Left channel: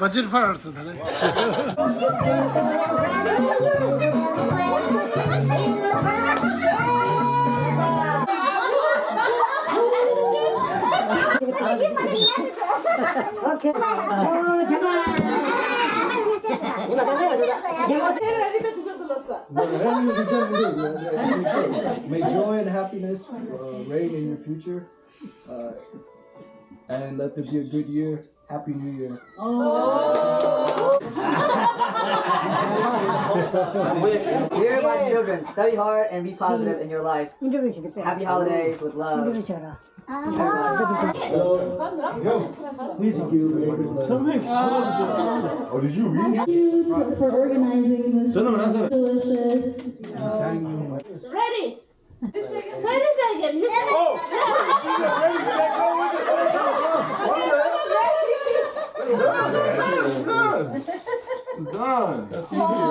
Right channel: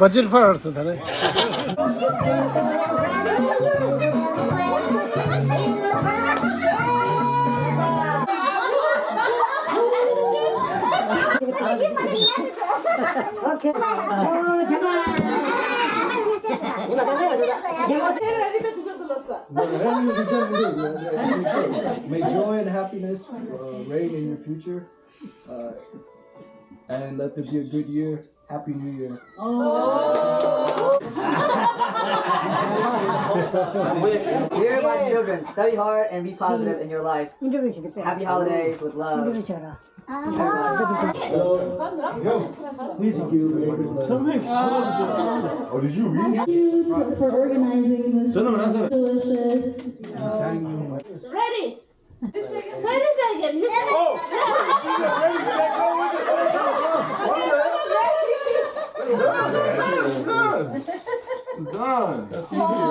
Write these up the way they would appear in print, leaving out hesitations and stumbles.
budget parası tabii. May joy and happiness reign in your future, and let there be a good year. Happy New Year. Dear my children, study hard and be positive in your life. Happy holidays with love. Please give you Thank you for organizing this delicious. Ready? Wait a second. Done. That's easy. Done.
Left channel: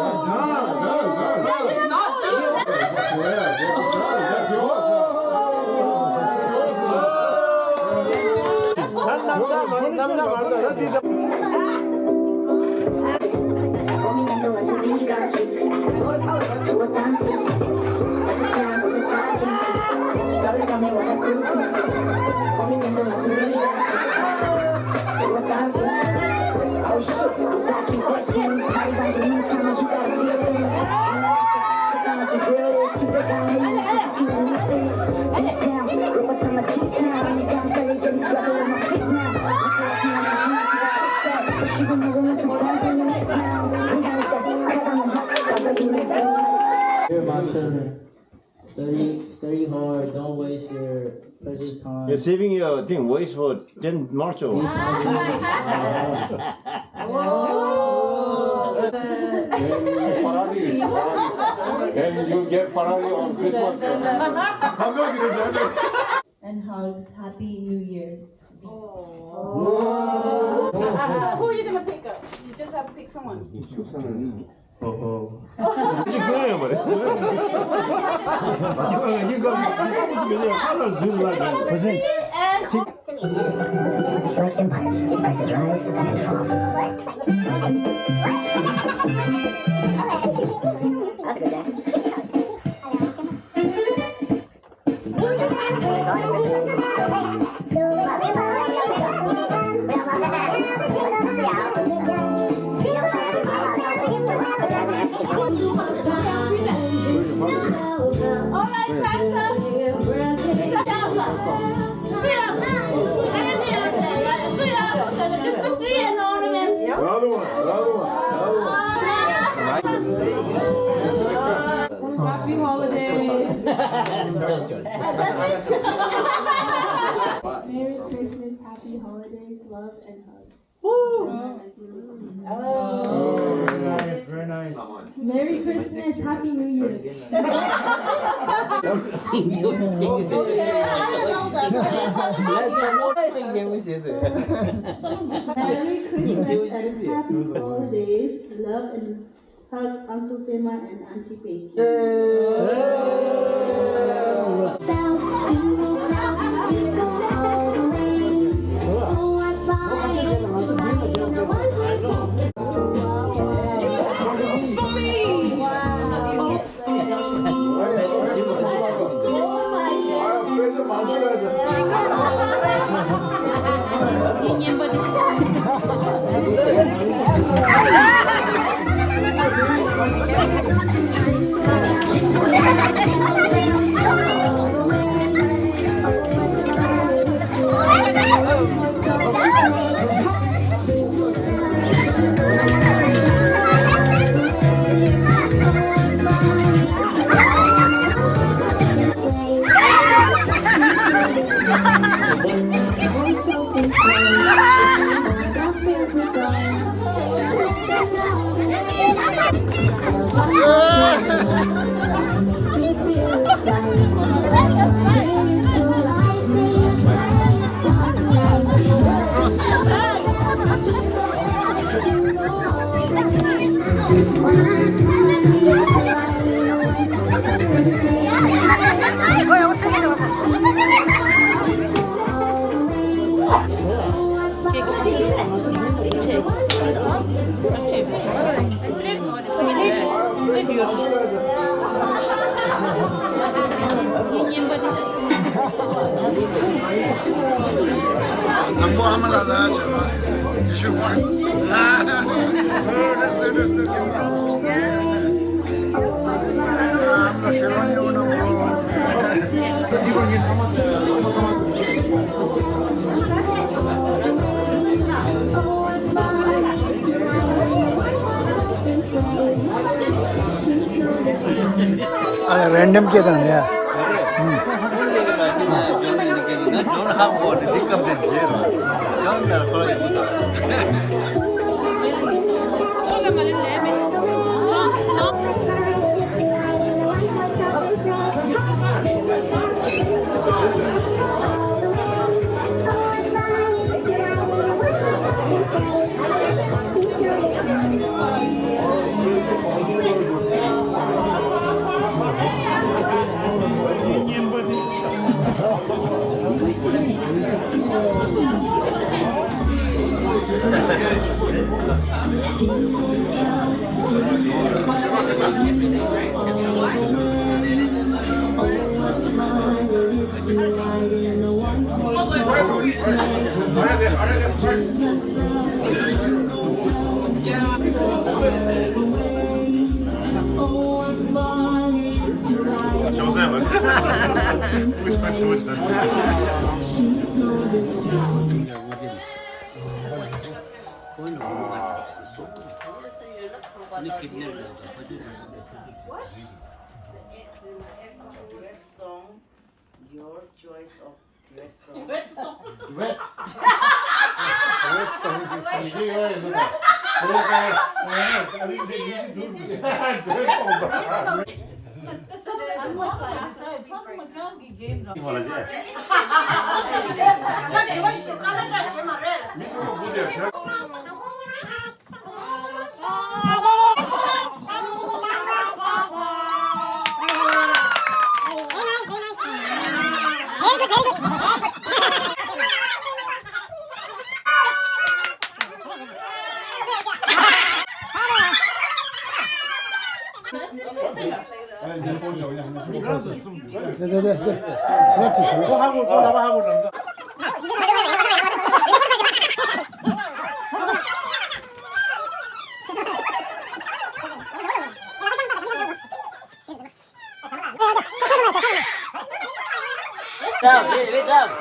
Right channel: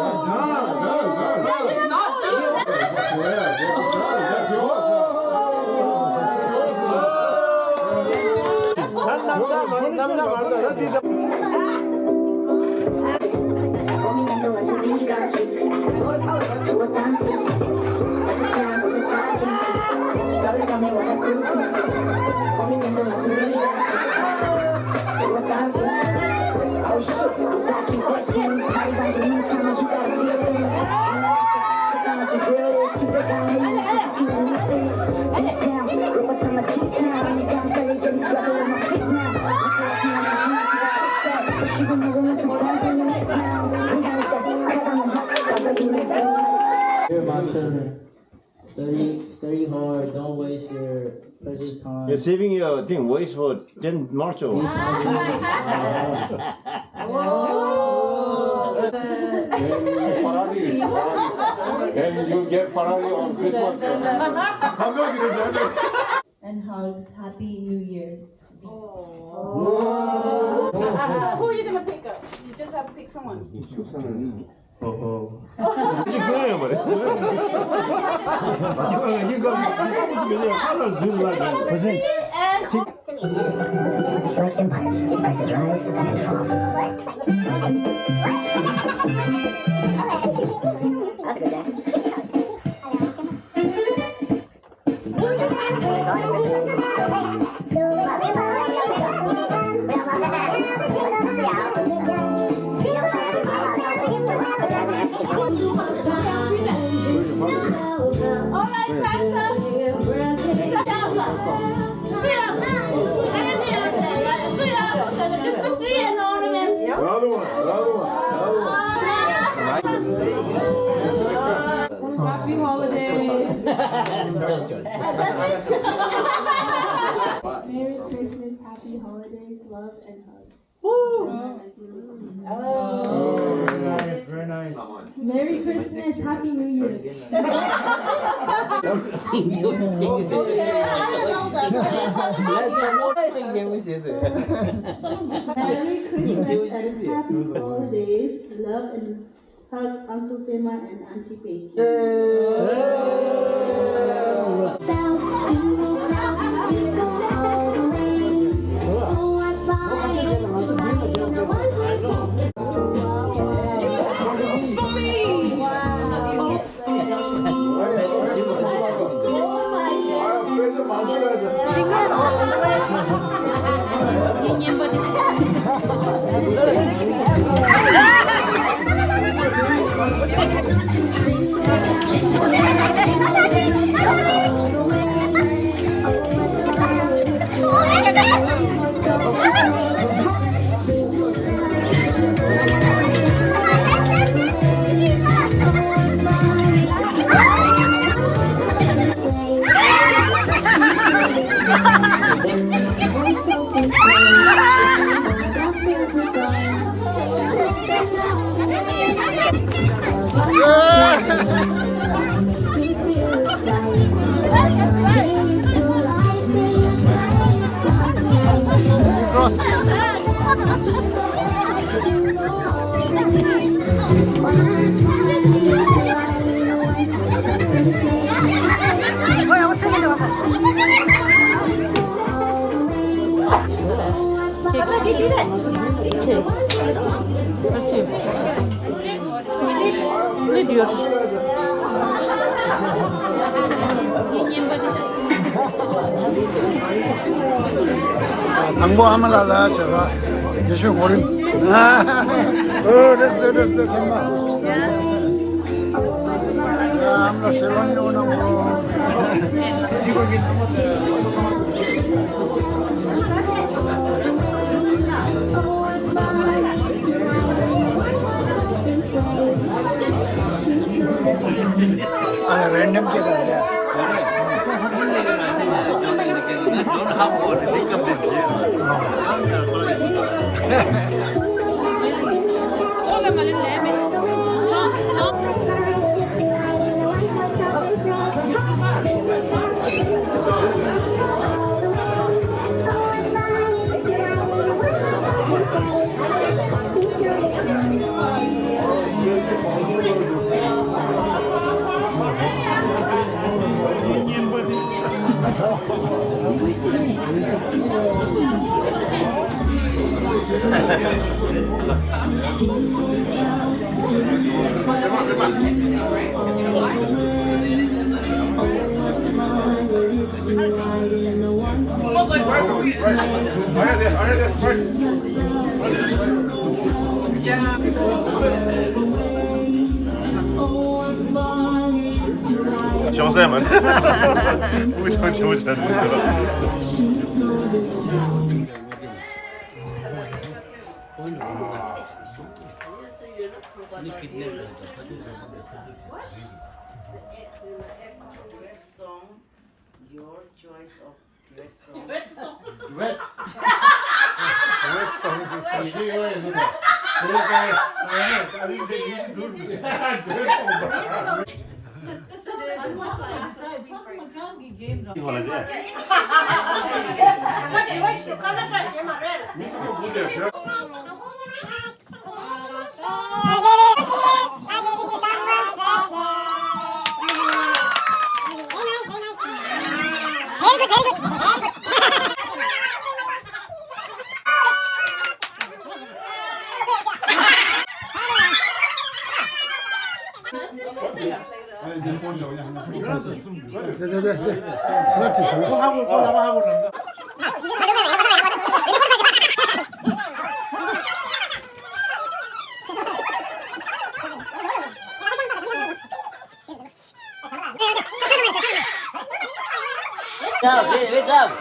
Dear my children, study hard, don't waste your precious time. You're saving your thing, waste for 10 March or Ferrari. And you'll get Ferrari on Christmas. And hugs. Happy New Year. So who are you gonna pick up? You just have to pick someone. Like empires, prices rise and fall. That's a good day. All right, hands up. Just the tree and ornaments. Another one. Happy holidays. Merry Christmas, happy holidays, love and hugs. Very nice. Merry Christmas, happy New Year. Merry Christmas and happy holidays, love and hug Uncle Tema and Auntie Peggy. Make me feel right. 당보 한번 하자 제가. 대신 우리. That's good. That's good. I'm not sure on you no. 아, 랜덤 계단이야. 정쌤은 우리 정치부장. Your choice of duet song. 왜? 이게 이거야. Wake up.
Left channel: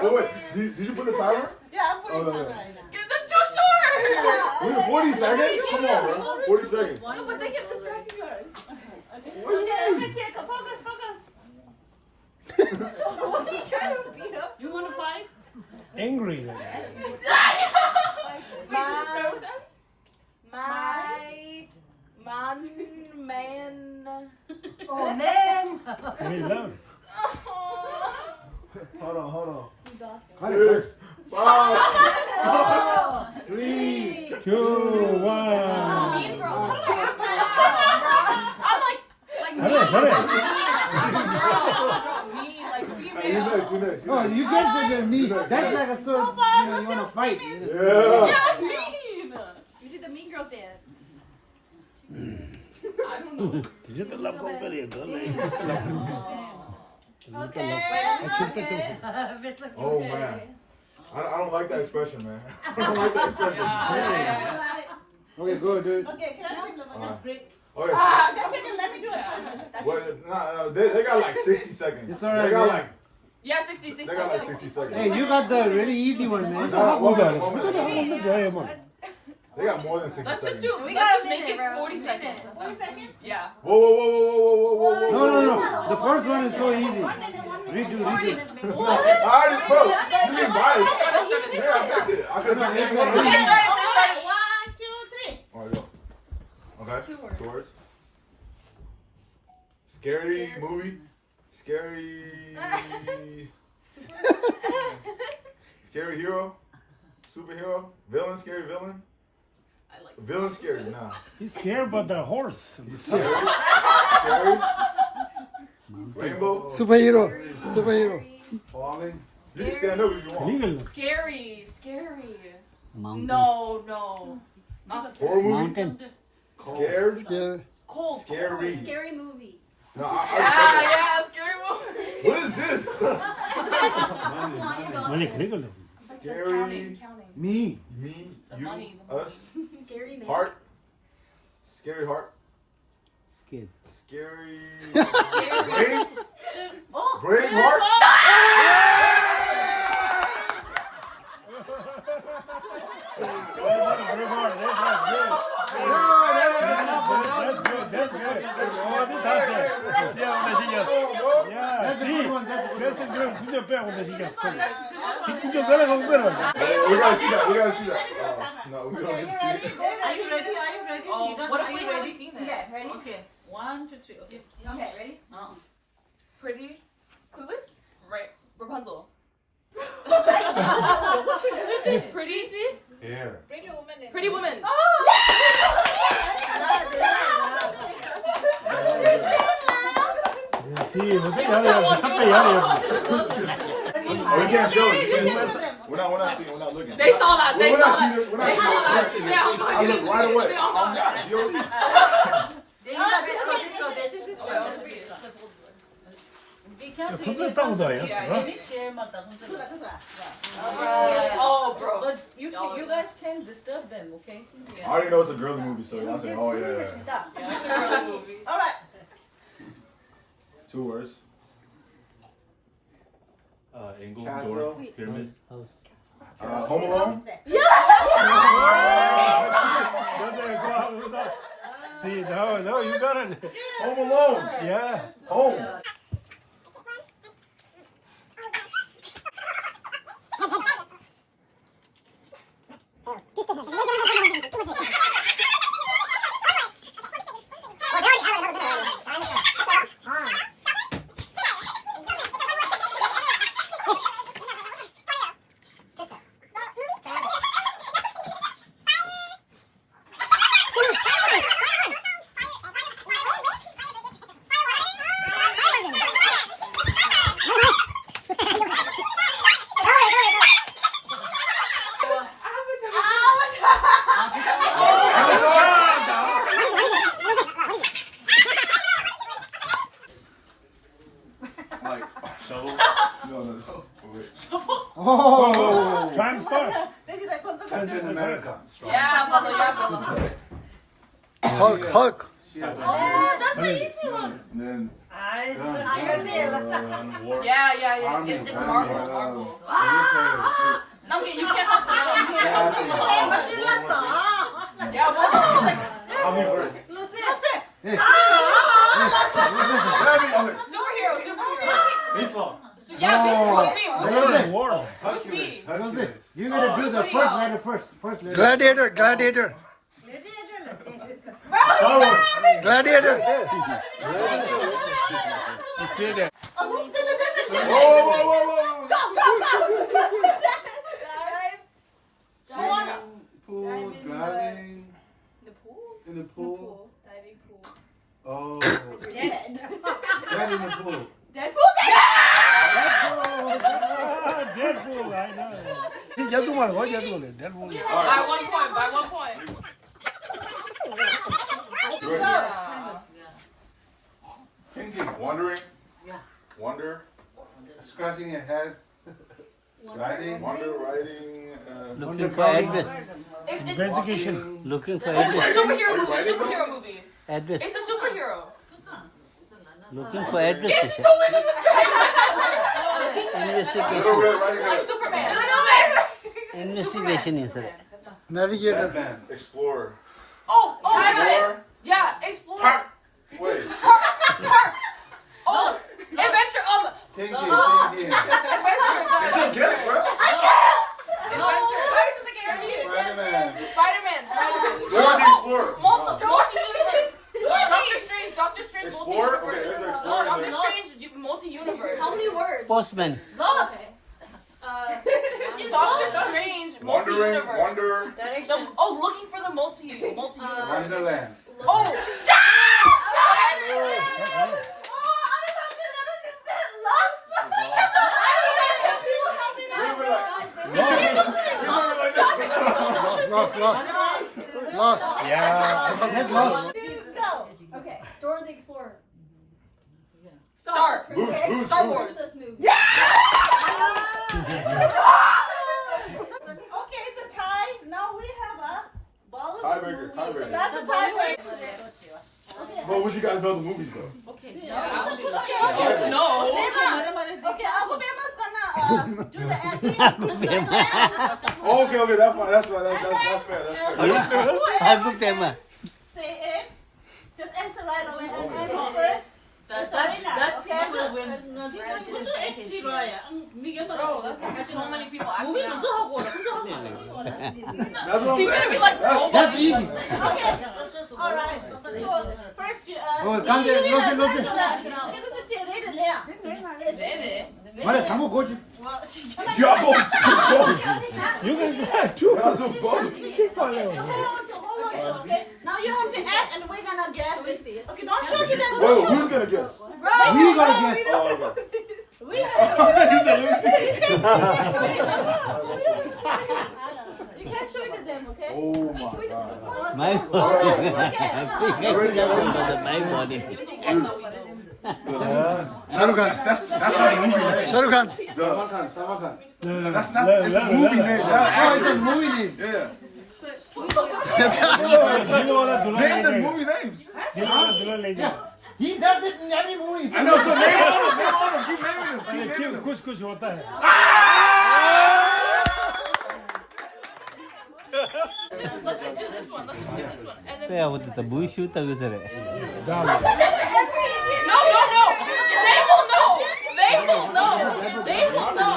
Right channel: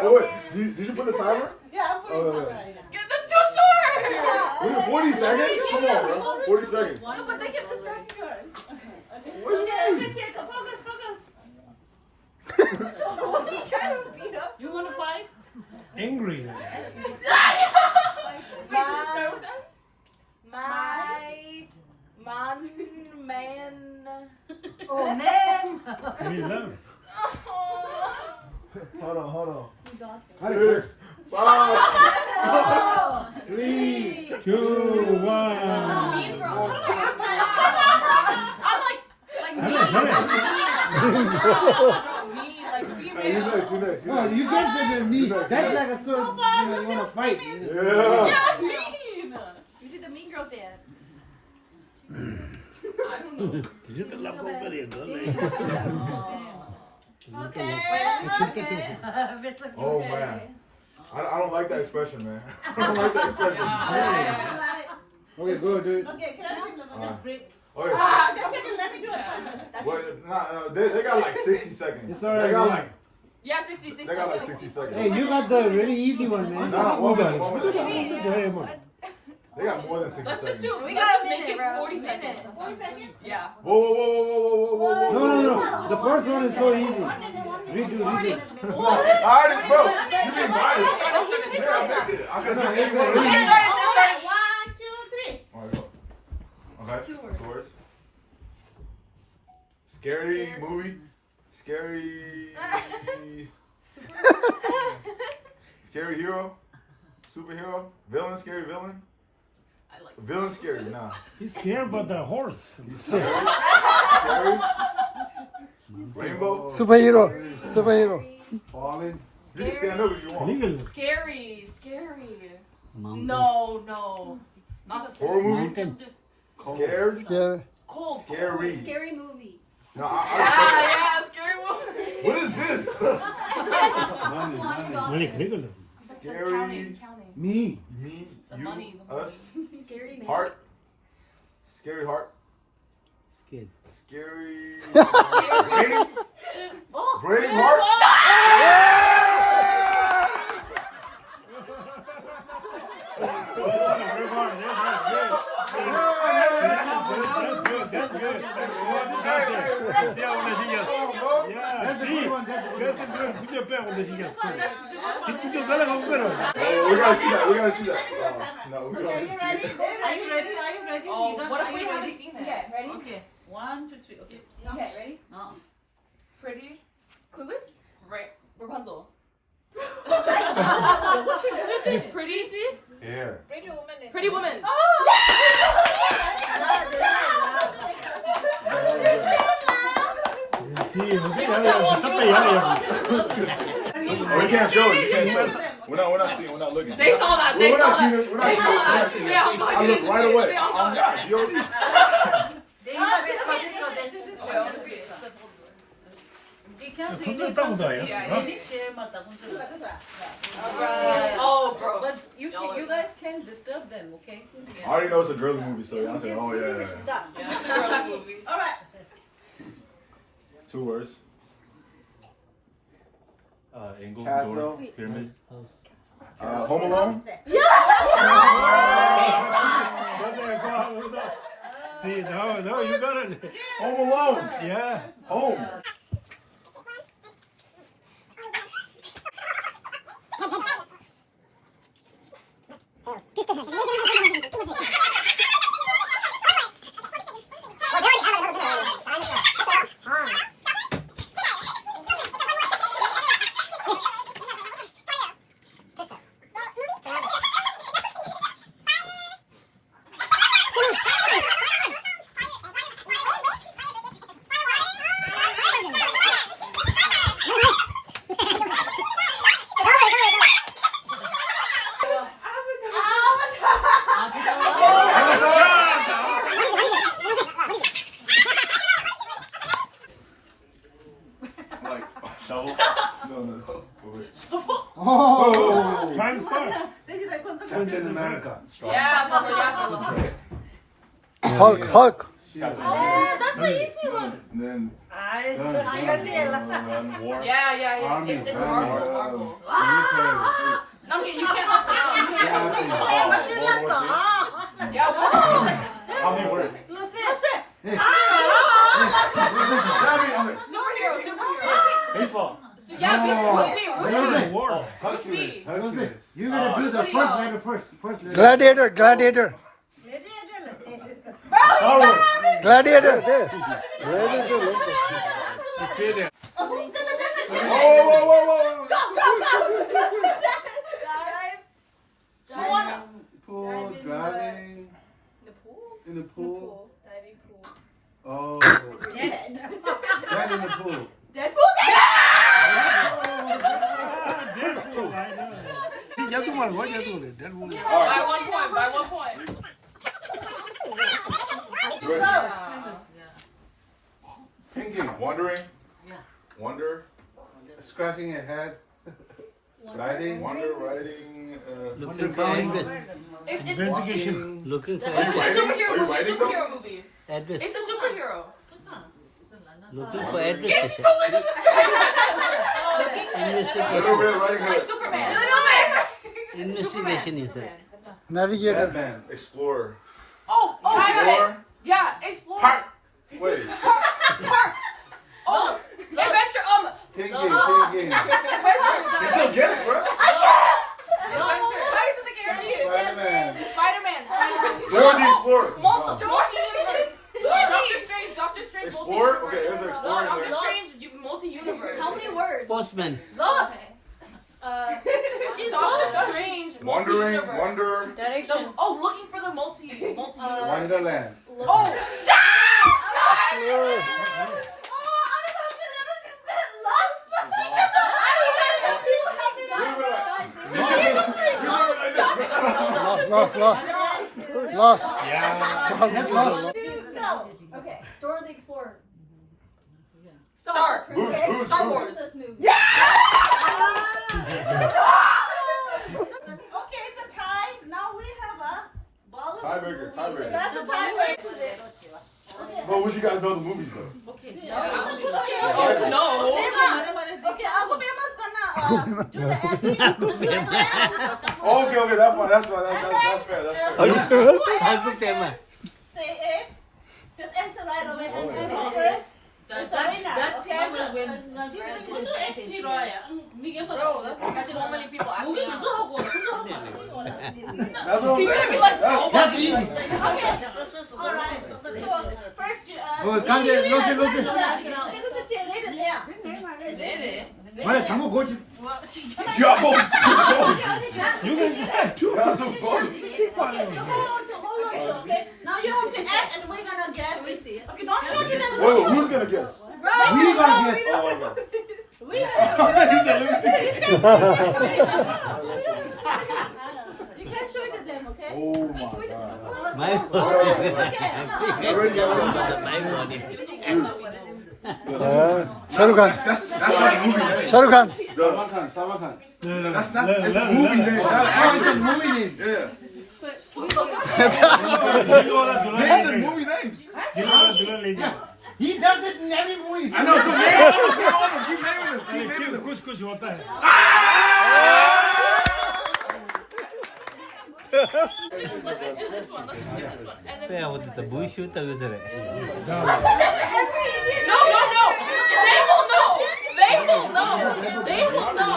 Oh wait, did you put the timer? Yeah, I'm putting Oh, it right. That's too short! We have 40 seconds? Come on, bro. 40 seconds. No, but they kept distracting us. What do you mean? Focus, focus. What are you trying to beat up? You want to fight? Angry. Man. Oh, man. Hold on. 6, 5, 3, 2, 1. Mean girl. How do I act that? I'm like Hey, female. you next. Oh, you guys are me. That's That's like a sort of, you want to fight. Yeah. Yeah, mean. You did the mean girl dance. I don't know. Oh man. I don't like that expression, man. I don't like that expression. Okay, good, dude. Okay, can I take a break? Okay. Just a second, let me do it. Well, they got like 60 seconds. It's alright, They got man. like Yeah, 66. they got like 60 seconds. Hey, you got the really easy one, man. No, 1 minute. They got more than 60 Let's just seconds. do. We Let's got just a make minute, it bro. 40 seconds. 40 seconds? Yeah. Whoa. No. The first one is so easy. Redo. I already, bro. You being biased. Yeah, I picked it. I could have picked it. Okay, start it. 1, 2, 3. Alright, go. Okay. 2 words. Scary movie. Scary hero. Superhero. Villain. Scary villain. I like Villain scary. Nah. He's scared about the horse. Scary. Rainbow. Superhero. Falling. You can stand up if you want. scary. No. Not Horror movie. Mountain. Scared. Scare. Cold. Scary. Scary movie. No, Yeah, scary movie. What is this? Money, Scary. Counting. Me, The you, money. us. Scary man. Heart. Scary heart. Skin. Scary. Brain. Brave heart. That's good. We gotta see that. No, we don't need to see it. Are you ready? Oh, what if we haven't seen it? Okay, ready? Okay. 1, 2, 3. Okay. Okay, ready? Pretty? Clueless? Right. Rapunzel. Pretty? Hair. Pretty woman. We can't show it. We're not seeing. We're not looking. They saw that. They We're saw not that. seeing. We're not seeing. I look right away. I'm not. Oh, bro. But you guys can disturb them, okay? I already know it's a girly movie, so y'all say, oh yeah. Yeah, it's a girly movie. All right. 2 words. Angle, Castle. door, pyramid. Home Alone. See, no, you got it. Home Alone. Yeah. Home. Like shovel? No. Oh, Times Square. Captain America. Yeah, brother. Hulk. That's an easy one. Then War. Yeah. Army, It's Army. Marvel. Military. No, you can't help it. Yeah, what? How many words? That's it. Superhero. Baseball. So, yeah, Ruby. War. Ruby. You're gonna do the first letter first. Letter. Gladiator. Star Wars. Gladiator. You see that? whoa. Pool, diving. In the pool. Diving pool. Oh. Dead. Dead in the pool. Deadpool? Deadpool, I know. See, just one. What just one? Deadpool. By 1 point. Good. Yeah. Thinking. Wondering. Yeah. Wonder. Scratching your head. Riding. Wonder. Riding. Looking for address. Investigation. Looking for Oh, it's a address. superhero movie. Address. It's a superhero. Looking for address. Yes, you told me to Little Red Riding Like Hood. Superman. Investigation is it? Navigator. Batman. Explorer. Oh, I got it. Explorer. Yeah, Explorer. Park. Wait. Parks. Oh, Adventure. Thinking. Adventure. It's a guess, bro. Adventure. Spider-Man. Spider-Man. Dora the Explorer. Multi-universe. Doctor Strange. Explorer? Multi-universe. Okay, there's an Explorer Doctor there. Strange. Multi-universe. How many words? Postman. Lost. Doctor Strange. Wondering. Multi-universe. Wonder. Looking for the multi-universe. Wonderland. Oh. Lost. Yeah. Okay. Dora the Explorer. Star. Who's? Star Wars. This movie. Yeah! Okay, it's a tie. Now we have a Bollywood Tiebreaker, movie. tiebreaker. So that's a tiebreaker. Well, would you guys know the movies though? Okay. Oh, no. Okay, Agubema's gonna do the acting. Okay, that's fine. That's fair. That's fair. Say it. Just answer right away and answer first. That team will win. Bro, that's so many people acting now. That's what I'm He's gonna be saying. like, That's easy. Okay. All right. So first you Vale, estamos coach. Y'all You guys have two. both. Okay. Now you have to act and we're gonna guess. Okay, don't show me that. Wait, who's gonna guess? Right. We gotta guess. Oh, okay. We You can't show it to them, okay? Oh my god. My Shahrukh Khan. That's not a movie name. Shahrukh Khan. Salman Khan. That's not. It's a movie name. Oh, it's a movie name. Yeah. Name the movie names. He does it in every movie. I know. So name all of them. Keep naming them. कुछ कुछ होता है. Let's just do this one. And then... Yeah, what the bush shoot No. They will know.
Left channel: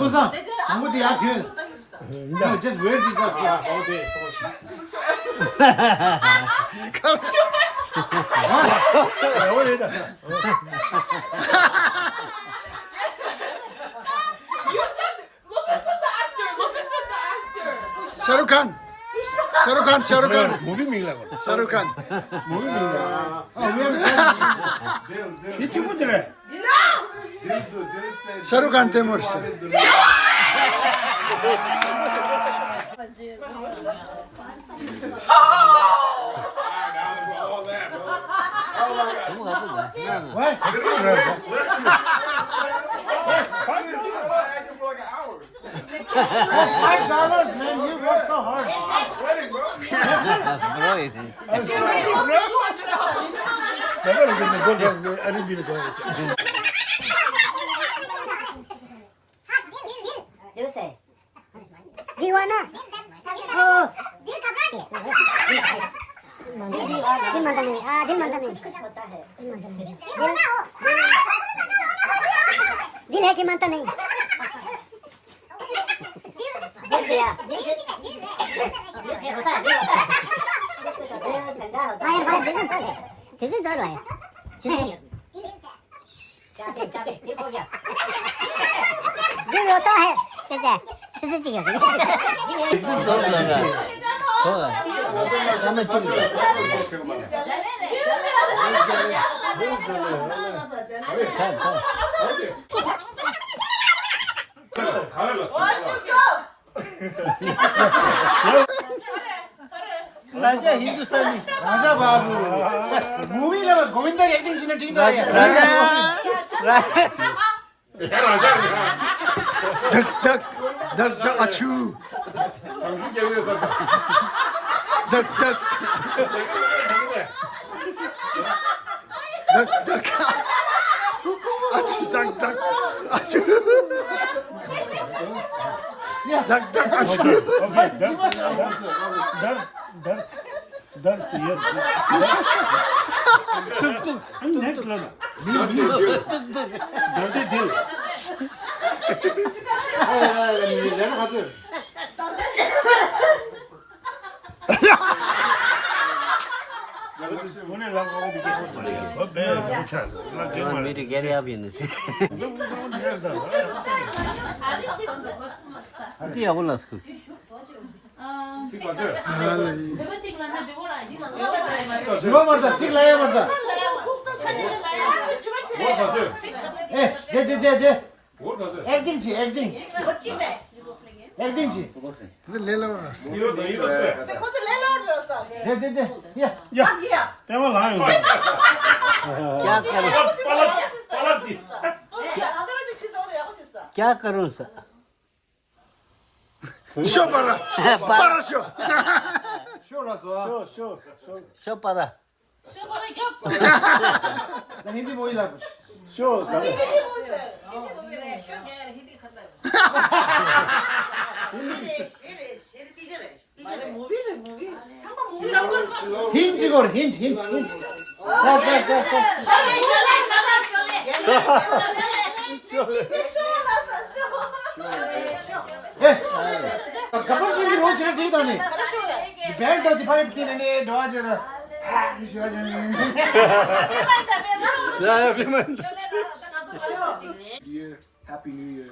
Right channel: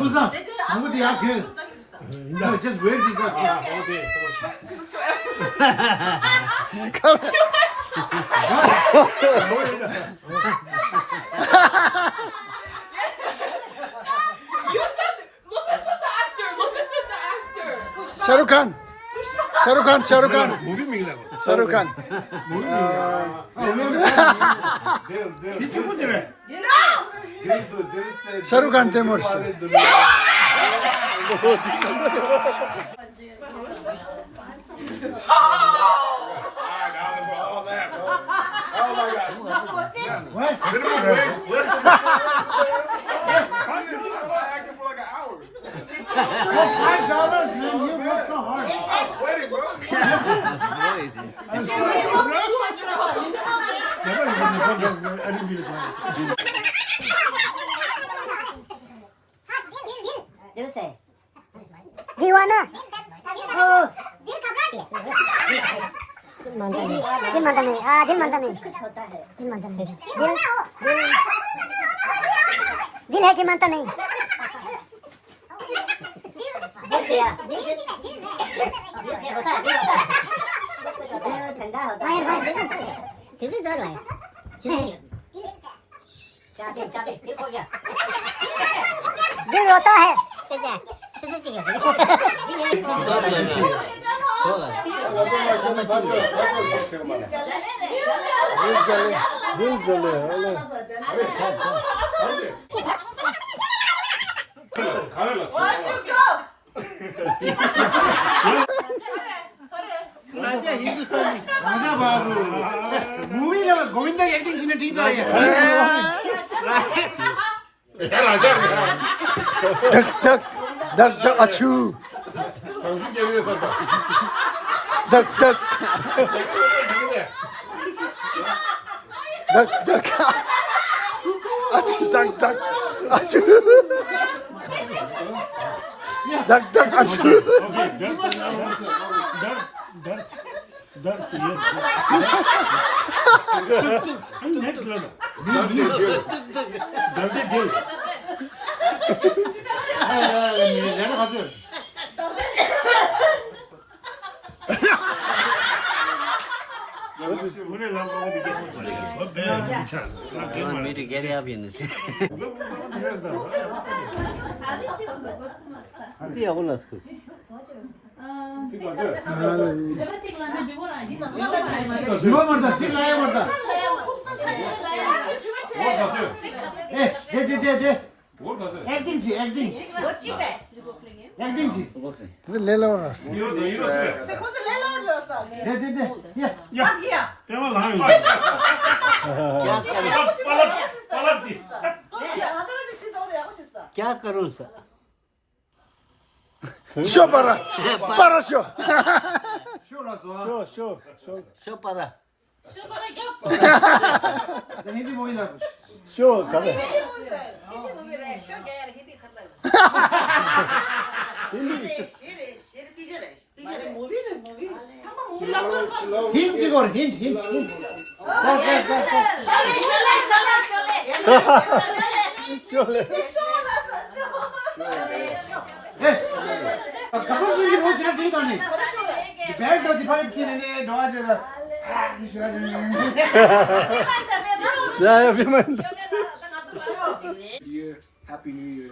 Kusa. Hamudi aap here. No, just wait this up. Okay. Listen to the actor. Shahrukh Khan. Movie मिल रहा है. Shahrukh Khan. ये चुप हो रहा है. Shahrukh Khan Temur se. What? Acting for like an hour. $5, man. You work so hard. I'm sweating, bro. दिल से दीवाना ओ दिल मानता नहीं दिल मानता नहीं कुछ होता है दिल मानता नहीं दिल है कि मानता नहीं दिल से यार दिल से होता है दिल ठंडा होता है दिल से डर रहा है चाहते दिल हो गया दिल रोता है राजा बाबू मूवी लो गोविंदा एक्टिंग सीन ठीक था यार धक अच्छू धक अच्छू अच्छू अच्छू Done. Yes. I'm next level. Done it good. You want me to get up in this? Acting. 근데 레라오라스. Because the landlord was up. क्या करूं सर 쇼 봐라. 봐라 쇼. शो पारा Happy New Year.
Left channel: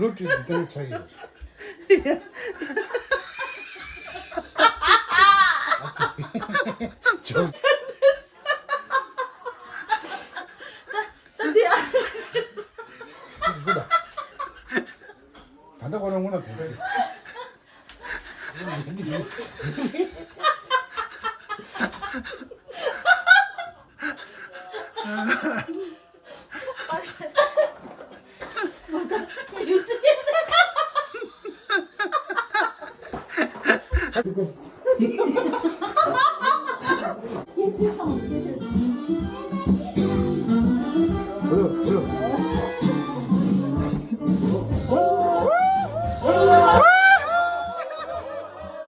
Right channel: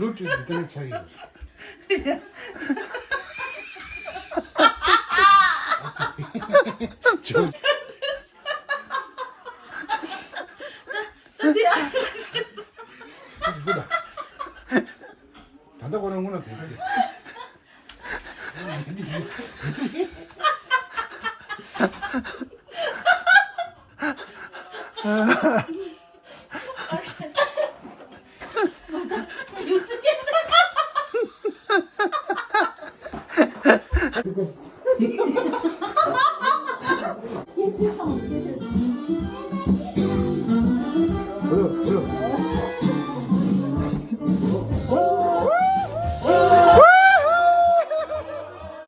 Bluetooth connect चाहिए. 다다 거는구나 되지.天气上就是